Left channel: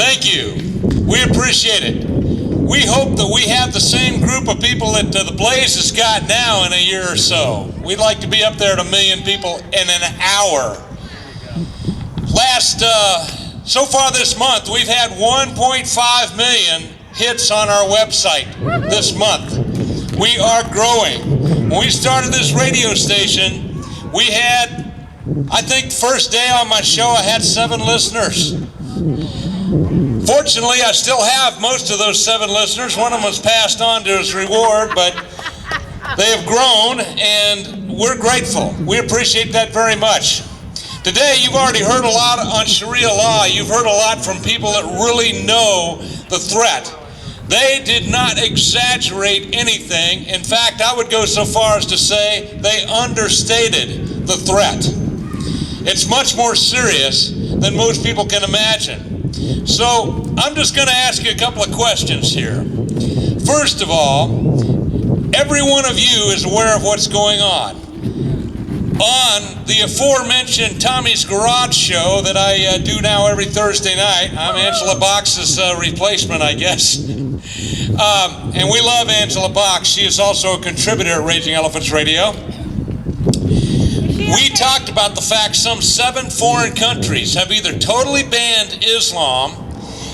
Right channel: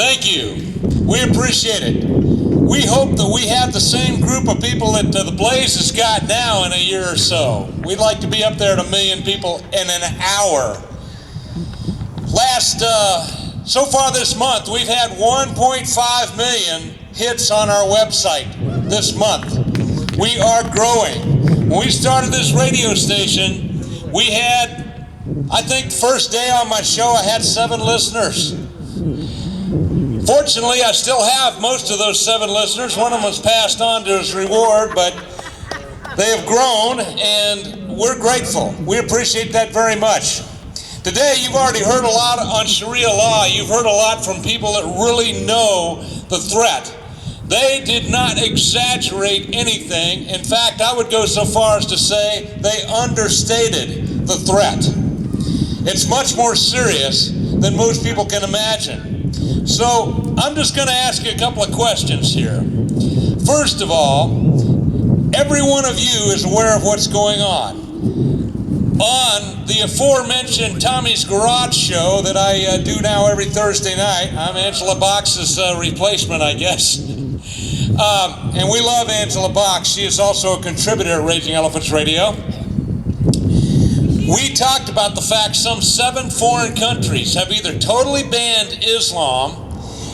Thank you. We appreciate it. We hope that we have the same group of people that the Blaze has got now in a year or so. We'd like to be up there at 1 million people in an hour. So far this month, we've had 1.5 million hits on our website this month. We are growing. When we started this radio station, we had, I think first day on my show, I had 7 listeners. Fortunately, I still have most of those 7 listeners. One of them was passed on to his reward, but they have grown, and we're grateful. We appreciate that very much. Today, you've already heard a lot on Sharia law. You've heard a lot from people that really know the threat. They did not exaggerate anything. In fact, I would go so far as to say they understated the threat. It's much more serious than most people can imagine. So I'm just going to ask you a couple of questions here. First of all, every one of you is aware of what's going on. On the aforementioned Tommy's Garage show that I do now every Thursday night, I'm Angela Box's replacement, I guess. And we love Angela Box. She is also a contributor at Raging Elephants Radio. We talked about the fact some 7 foreign countries have either totally banned Islam,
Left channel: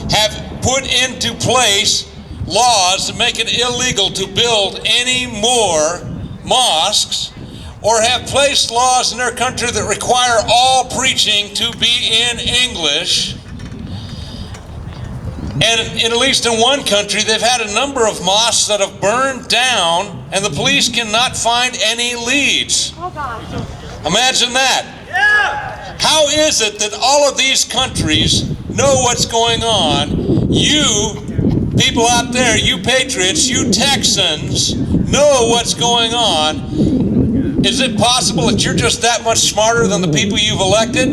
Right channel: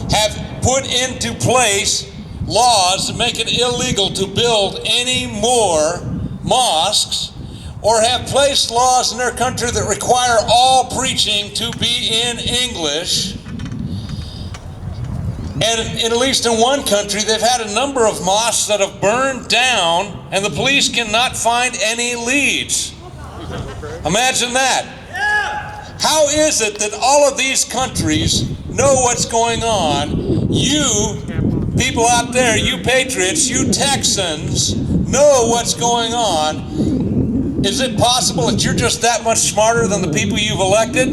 have put into place laws that make it illegal to build any more mosques, or have placed laws in their country that require all preaching to be in English. And at least in one country, they've had a number of mosques that have burned down, and the police cannot find any leads. Imagine that. Yeah. How is it that all of these countries know what's going on? You people out there, you patriots, you Texans, know what's going on. Is it possible that you're just that much smarter than the people you've elected?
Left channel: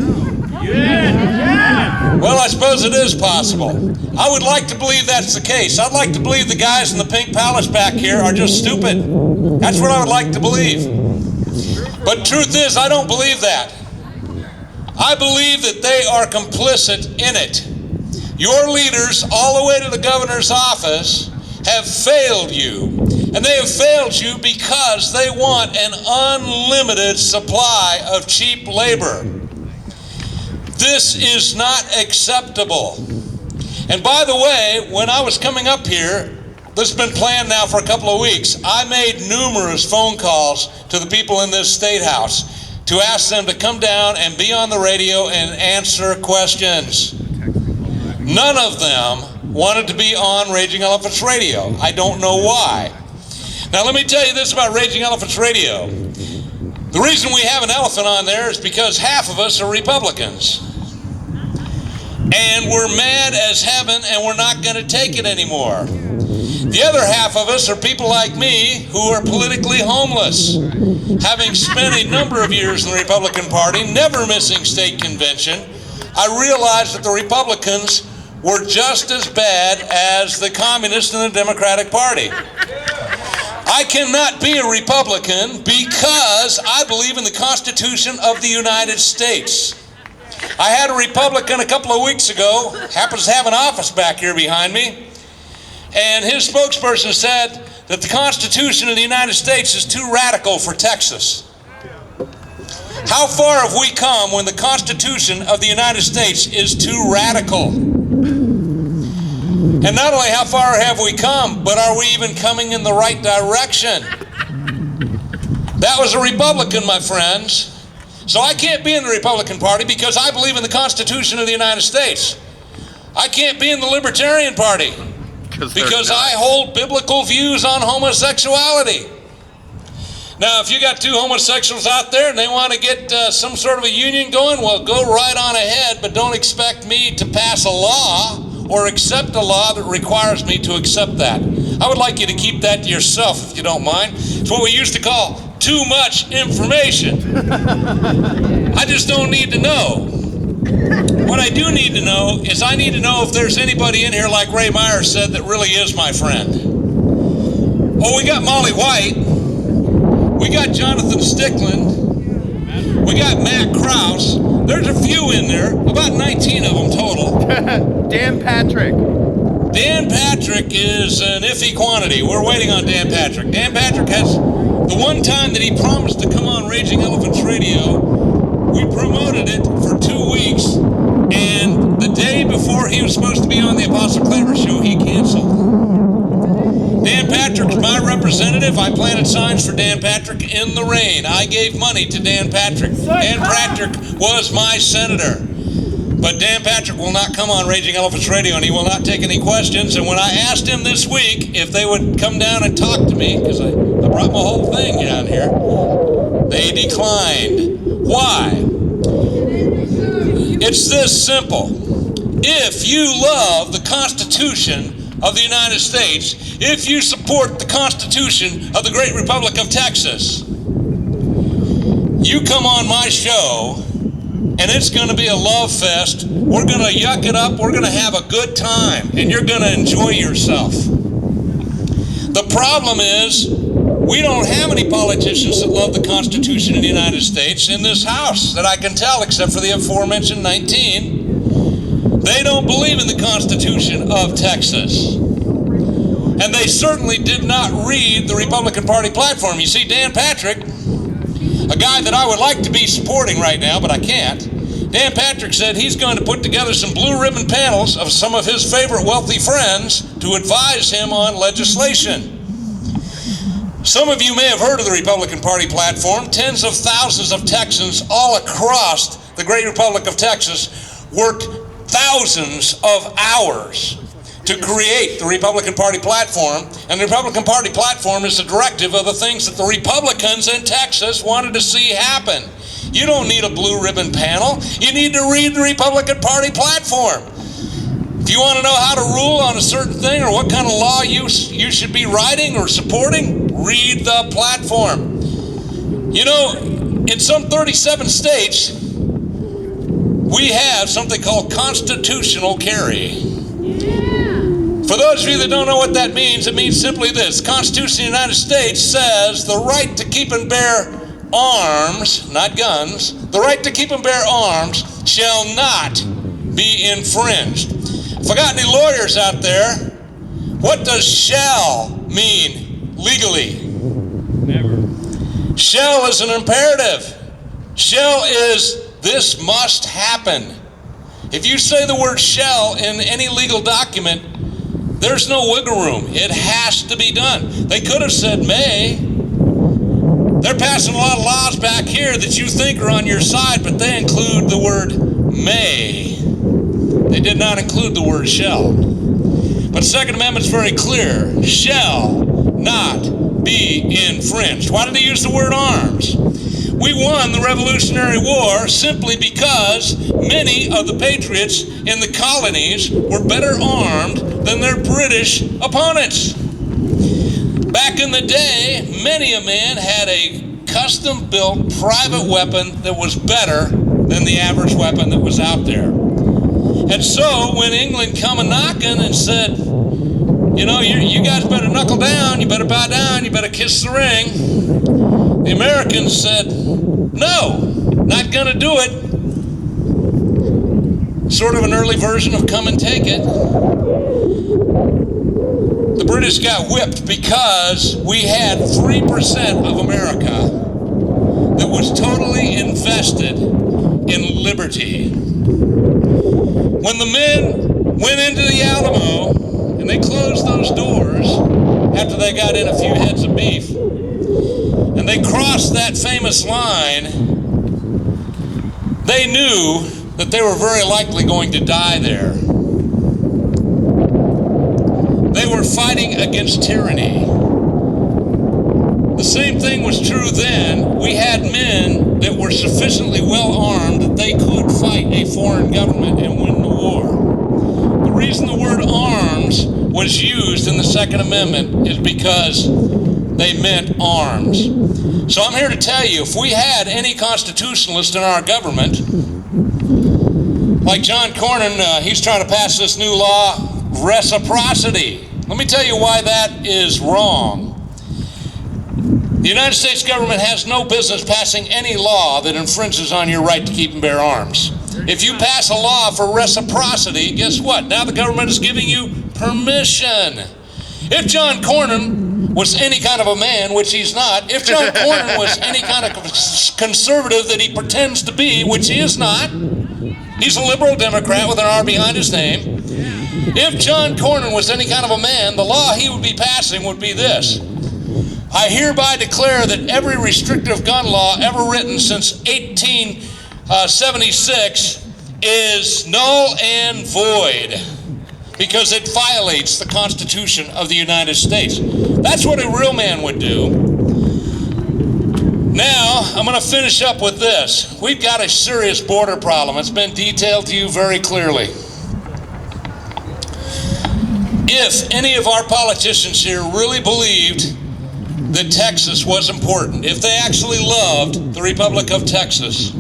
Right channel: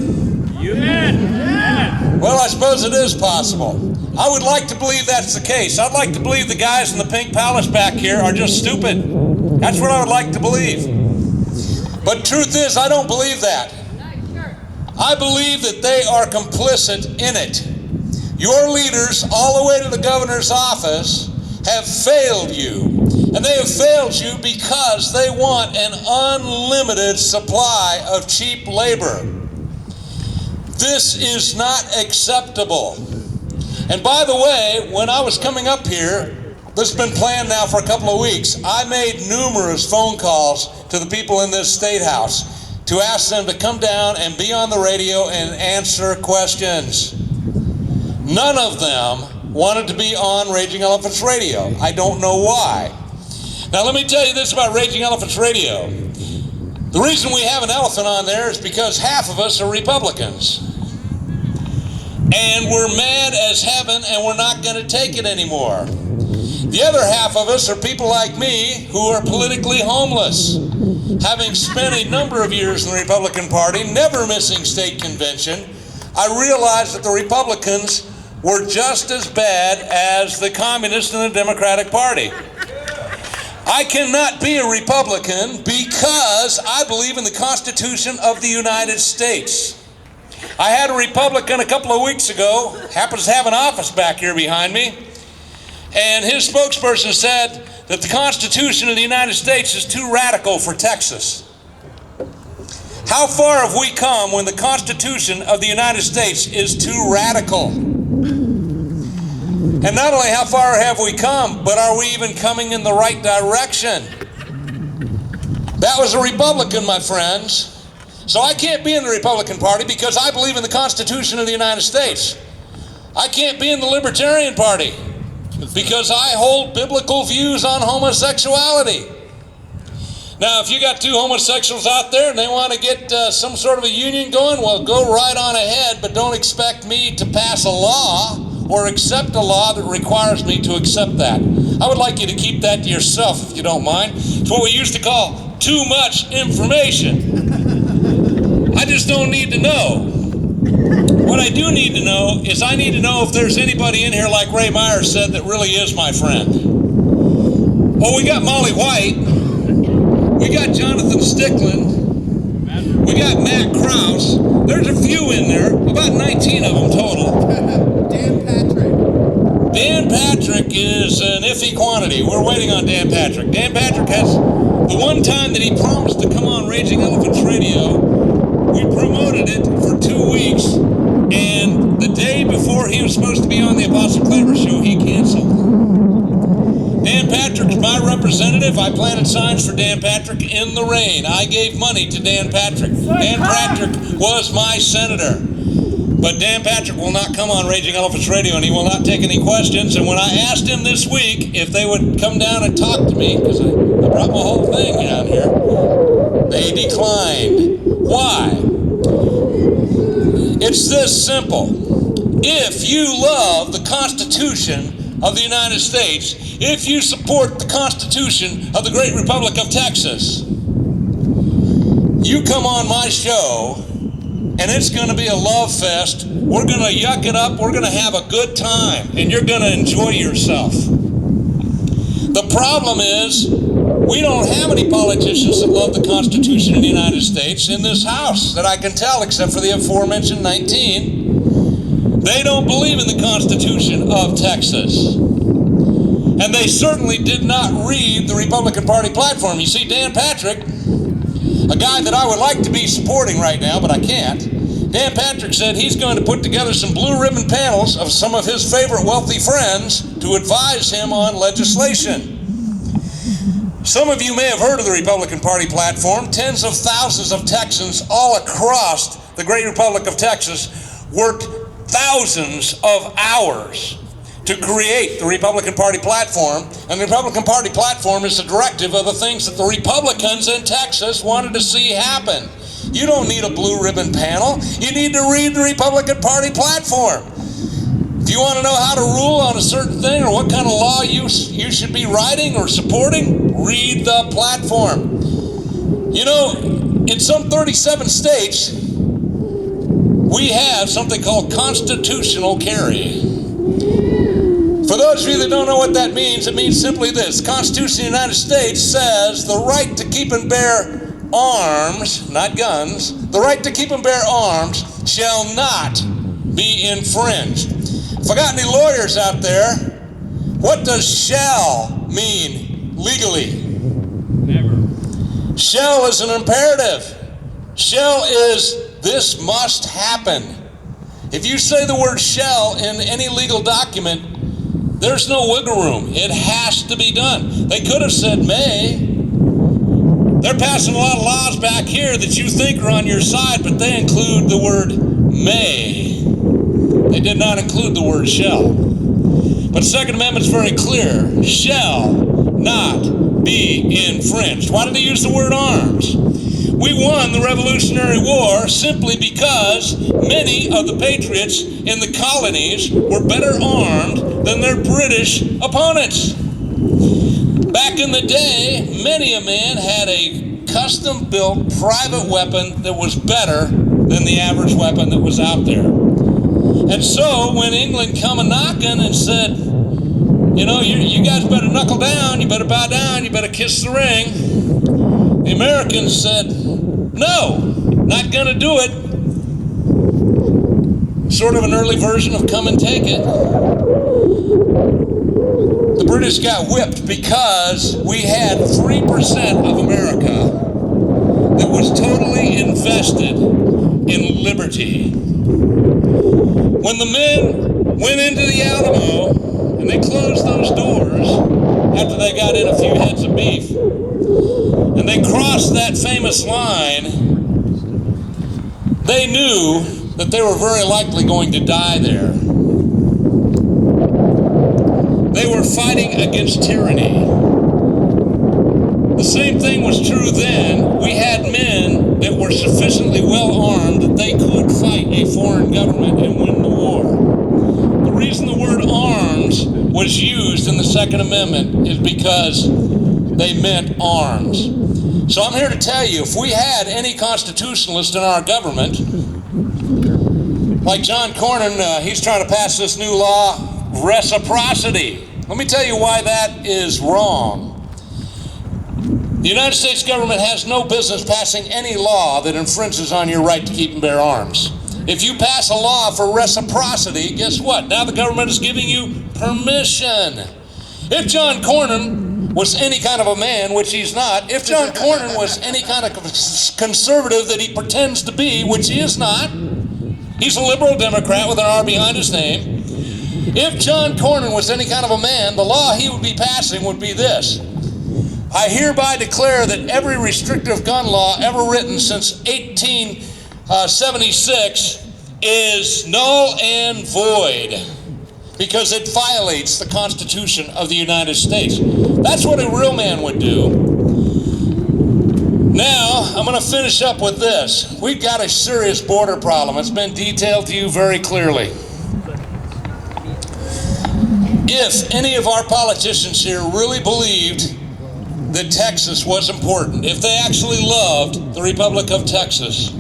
Yes. Well, I suppose it is possible. I would like to believe that's the case. I'd like to believe the guys in the Pink Palace back here are just stupid. That's what I would like to believe. But truth is, I don't believe that. I believe that they are complicit in it. Your leaders, all the way to the governor's office, have failed you. And they have failed you because they want an unlimited supply of cheap labor. This is not acceptable. And by the way, when I was coming up here, this has been planned now for a couple of weeks, I made numerous phone calls to the people in this State House to ask them to come down and be on the radio and answer questions. None of them wanted to be on Raging Elephants Radio. I don't know why. Now let me tell you this about Raging Elephants Radio. The reason we have an elephant on there is because half of us are Republicans. And we're mad as heaven, and we're not going to take it anymore. The other half of us are people like me who are politically homeless. Having spent a number of years in the Republican Party, never missing state convention, I realized that the Republicans were just as bad as the Communists and the Democratic Party. I cannot be a Republican because I believe in the Constitution of the United States. I had a Republican a couple of weeks ago, happens to have an office back here behind me, and his spokesperson said that the Constitution of the United States is too radical for Texas. How far have we come when the Constitution of the United States is too radical? And not only how far have we come, but are we even coming in the right direction? That was a Republican, my friends. So I can't be in the Republican Party because I believe in the Constitution of the United States. I can't be in the Libertarian Party because I hold biblical views on homosexuality. Now, if you got 2 homosexuals out there and they want to get some sort of a union going, well, go right on ahead, but don't expect me to pass a law or accept a law that requires me to accept that. I would like you to keep that to yourself, if you don't mind. It's what we used to call too much information. I just don't need to know. What I do need to know is I need to know if there's anybody in here, like Ray Myers said, that really is my friend. Oh, we got Molly White. We got Jonathan Stickland. We got Matt Krause. There's a few in there, about 19 of them total. Dan Patrick. Dan Patrick is an iffy quantity. We're waiting on Dan Patrick. Dan Patrick has, the one time that he promised to come on Raging Elephants Radio, we promoted it for 2 weeks, and the day before he was supposed to be on the Apostle Claver show, he canceled. Dan Patrick's my representative. I planted signs for Dan Patrick in the rain. I gave money to Dan Patrick. Dan Patrick was my senator. But Dan Patrick will not come on Raging Elephants Radio, and he will not take any questions. And when I asked him this week if they would come down and talk to me, because I brought my whole thing down here, they declined. Why? It's this simple. If you love the Constitution of the United States, if you support the Constitution of the Great Republic of Texas, you come on my show, and it's going to be a love fest. We're going to yuck it up. We're going to have a good time, and you're going to enjoy yourself. The problem is, we don't have any politicians that love the Constitution of the United States in this House that I can tell, except for the aforementioned 19. They don't believe in the Constitution of Texas. And they certainly did not read the Republican Party platform. You see, Dan Patrick, a guy that I would like to be supporting right now, but I can't, Dan Patrick said he's going to put together some blue ribbon panels of some of his favorite wealthy friends to advise him on legislation. Some of you may have heard of the Republican Party platform. Tens of thousands of Texans all across the great Republic of Texas worked thousands of hours to create the Republican Party platform, and the Republican Party platform is a directive of the things that the Republicans in Texas wanted to see happen. You don't need a blue ribbon panel. You need to read the Republican Party platform. If you want to know how to rule on a certain thing or what kind of law you should be writing or supporting, read the platform. You know, in some 37 states, we have something called constitutional carry. For those of you that don't know what that means, it means simply this. The Constitution of the United States says the right to keep and bear arms, not guns, the right to keep and bear arms shall not be infringed. If I got any lawyers out there, what does shall mean legally? Never. Shall is an imperative. Shall is this must happen. If you say the word shall in any legal document, there's no wiggle room. It has to be done. They could have said may. They're passing a lot of laws back here that you think are on your side, but they include the word may. They did not include the word shall. But the Second Amendment's very clear. Shall not be infringed. Why did they use the word arms? We won the Revolutionary War simply because many of the patriots in the colonies were better armed than their British opponents. Back in the day, many a man had a custom-built private weapon that was better than the average weapon that was out there. And so when England come a-knocking and said, you know, you guys better knuckle down, you better bow down, you better kiss the ring, the Americans said, no, not going to do it. Sort of an early version of come and take it. The British got whipped because we had 3% of America that was totally invested in liberty. When the men went into the Alamo and they closed those doors after they got in a few heads of beef, and they crossed that famous line, they knew that they were very likely going to die there. They were fighting against tyranny. The same thing was true then. We had men that were sufficiently well armed that they could fight a foreign government and win the war. The reason the word arms was used in the Second Amendment is because they meant arms. So I'm here to tell you, if we had any constitutionalist in our government, like John Cornyn, he's trying to pass this new law, reciprocity. Let me tell you why that is wrong. The United States government has no business passing any law that infringes on your right to keep and bear arms. If you pass a law for reciprocity, guess what? Now the government is giving you permission. If John Cornyn was any kind of a man, which he's not, if John Cornyn was any kind of conservative that he pretends to be, which he is not, he's a liberal Democrat with an R behind his name. If John Cornyn was any kind of a man, the law he would be passing would be this. I hereby declare that every restrictive gun law ever written since 1876 is null and void because it violates the Constitution of the United States. That's what a real man would do. Now, I'm going to finish up with this. We've got a serious border problem. It's been detailed to you very clearly. If any of our politicians here really believed that Texas was important, if they actually loved the Republic of Texas,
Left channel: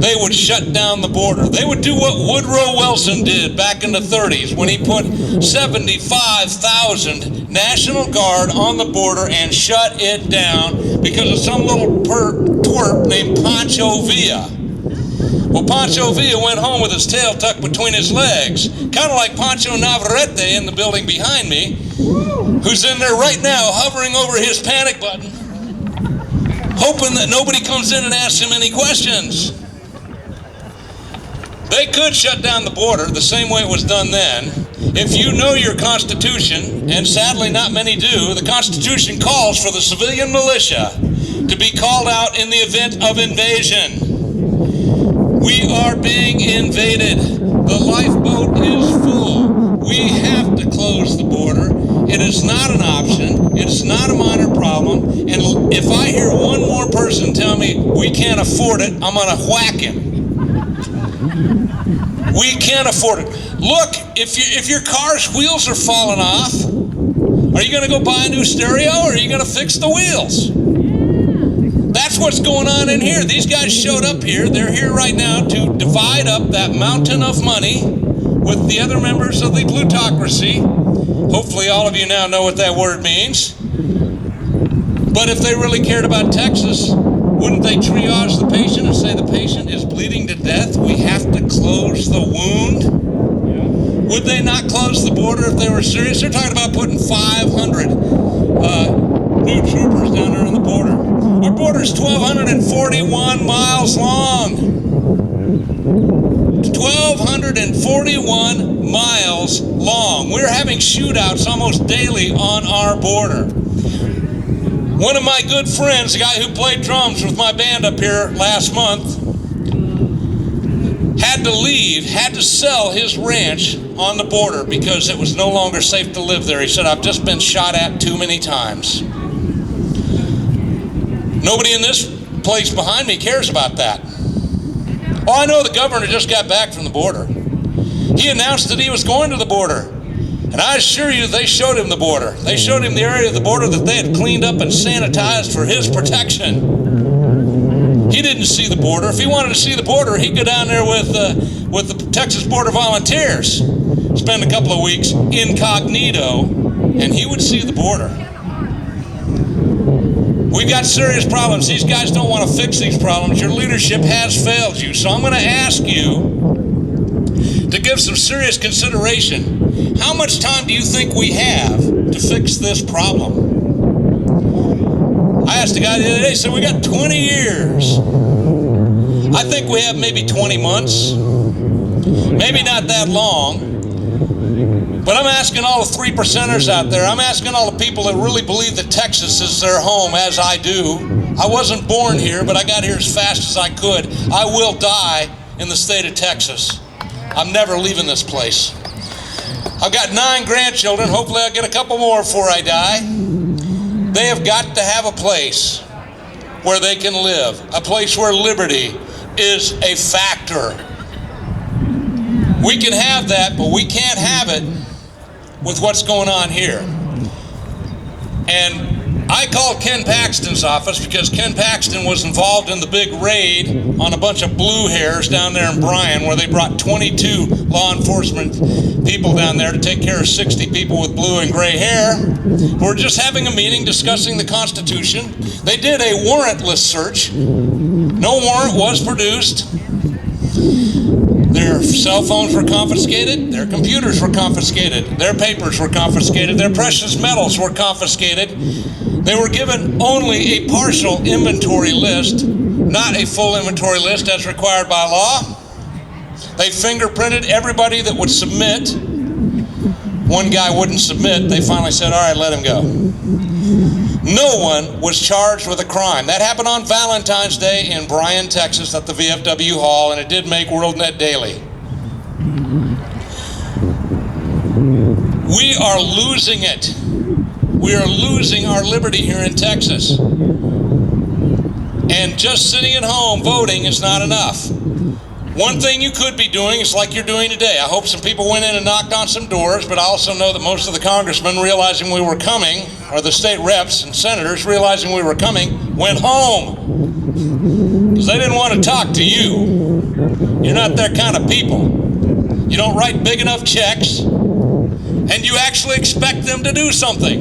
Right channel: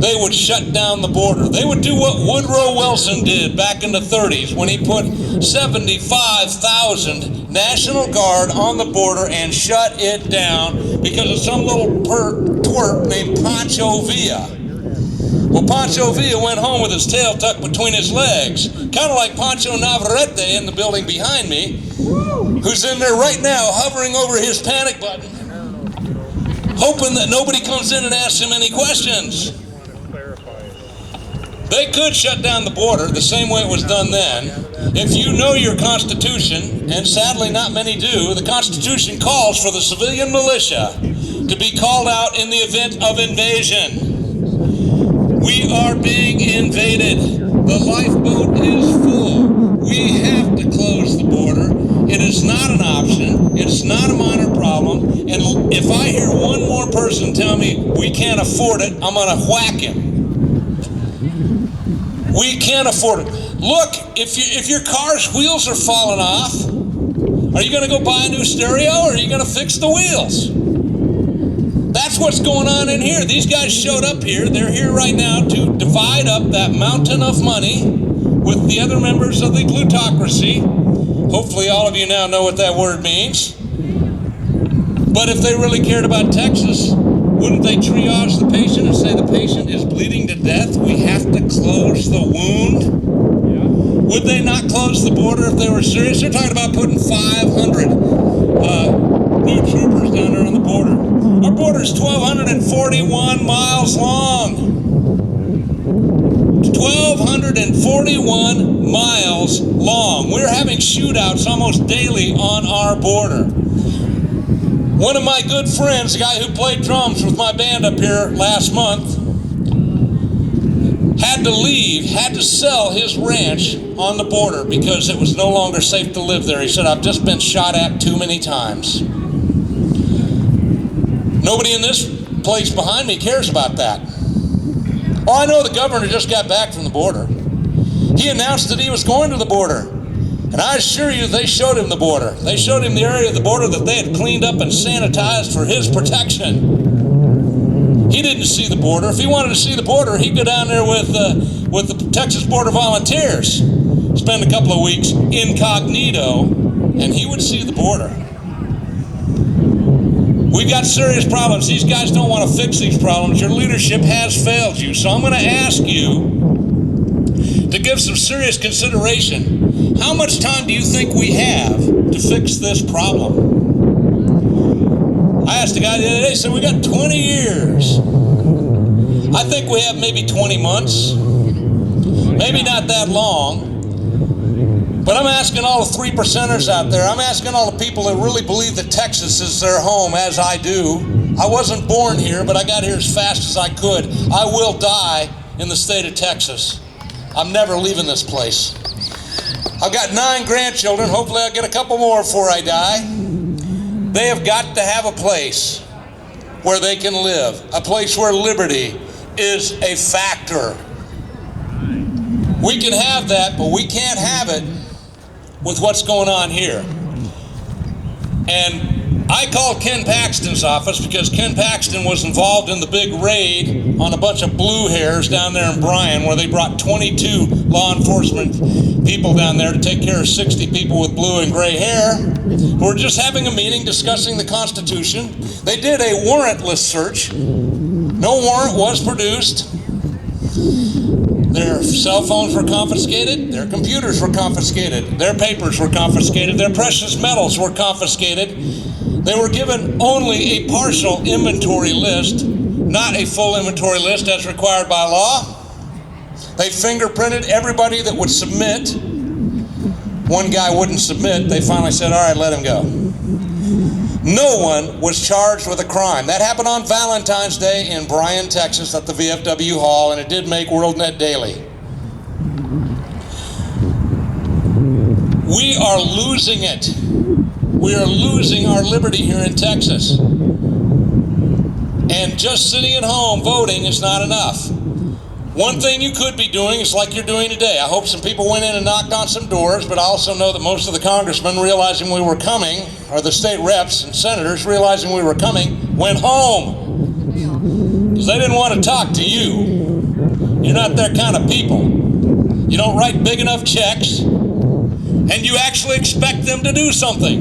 they would shut down the border. They would do what Woodrow Wilson did back in the 30s when he put 75,000 National Guard on the border and shut it down because of some little twerp named Pancho Villa. Well, Pancho Villa went home with his tail tucked between his legs, kind of like Pancho Navarrete in the building behind me, who's in there right now hovering over his panic button, hoping that nobody comes in and asks him any questions. They could shut down the border the same way it was done then. If you know your Constitution, and sadly not many do, the Constitution calls for the civilian militia to be called out in the event of invasion. We are being invaded. The lifeboat is full. We have to close the border. It is not an option. It's not a minor problem. And if I hear one more person tell me we can't afford it, I'm going to whack him. We can't afford it. Look, if your car's wheels are falling off, are you going to go buy a new stereo or are you going to fix the wheels? That's what's going on in here. These guys showed up here. They're here right now to divide up that mountain of money with the other members of the plutocracy. Hopefully all of you now know what that word means. But if they really cared about Texas, wouldn't they triage the patient and say the patient is bleeding to death? We have to close the wound? Yeah. Would they not close the border if they were serious? They're talking about putting 500 new troopers down there on the border. Our border is 1,241 miles long. 1,241 miles long. We're having shootouts almost daily on our border. One of my good friends, the guy who played drums with my band up here last month, had to leave, had to sell his ranch on the border because it was no longer safe to live there. He said, I've just been shot at too many times. Nobody in this place behind me cares about that. Oh, I know the governor just got back from the border. He announced that he was going to the border. And I assure you, they showed him the border. They showed him the area of the border that they had cleaned up and sanitized for his protection. He didn't see the border. If he wanted to see the border, he'd go down there with the Texas Border Volunteers, spend a couple of weeks incognito, and he would see the border. We've got serious problems. These guys don't want to fix these problems. Your leadership has failed you. So I'm going to ask you to give some serious consideration. How much time do you think we have to fix this problem? I asked a guy the other day, said we got 20 years. I think we have maybe 20 months. Maybe not that long. But I'm asking all the 3%ers out there, I'm asking all the people that really believe that Texas is their home, as I do. I wasn't born here, but I got here as fast as I could. I will die in the state of Texas. I'm never leaving this place. I've got 9 grandchildren. Hopefully I'll get a couple more before I die. They have got to have a place where they can live, a place where liberty is a factor. We can have that, but we can't have it with what's going on here. And I called Ken Paxton's office because Ken Paxton was involved in the big raid on a bunch of blue hairs down there in Bryan, where they brought 22 law enforcement people down there to take care of 60 people with blue and gray hair. who were just having a meeting discussing the Constitution. They did a warrantless search. No warrant was produced. Their cell phones were confiscated, their computers were confiscated, their papers were confiscated, their precious metals were confiscated. They were given only a partial inventory list, not a full inventory list as required by law. They fingerprinted everybody that would submit. One guy wouldn't submit. They finally said, all right, let him go. No one was charged with a crime. That happened on Valentine's Day in Bryan, Texas at the VFW Hall, and it did make WorldNet Daily. We are losing it. We are losing our liberty here in Texas. And just sitting at home voting is not enough. One thing you could be doing is like you're doing today. I hope some people went in and knocked on some doors, but I also know that most of the congressmen, realizing we were coming, or the state reps and senators realizing we were coming, went home. Because they didn't want to talk to you. You're not their kind of people. You don't write big enough checks, and you actually expect them to do something.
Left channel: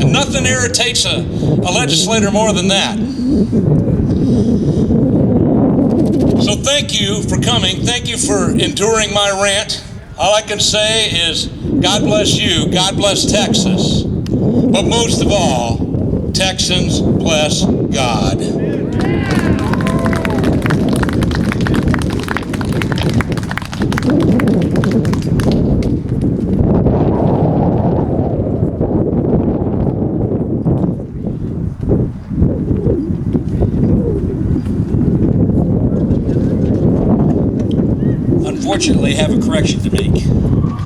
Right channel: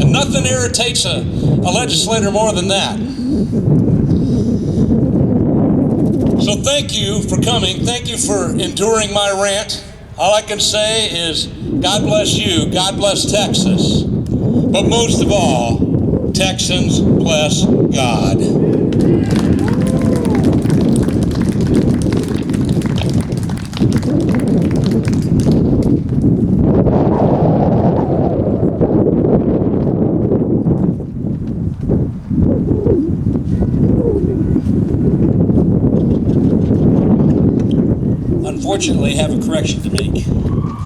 And nothing irritates a legislator more than that. So thank you for coming. Thank you for enduring my rant. All I can say is God bless you. God bless Texas. But most of all, Texans bless God. Unfortunately, I have a correction to make.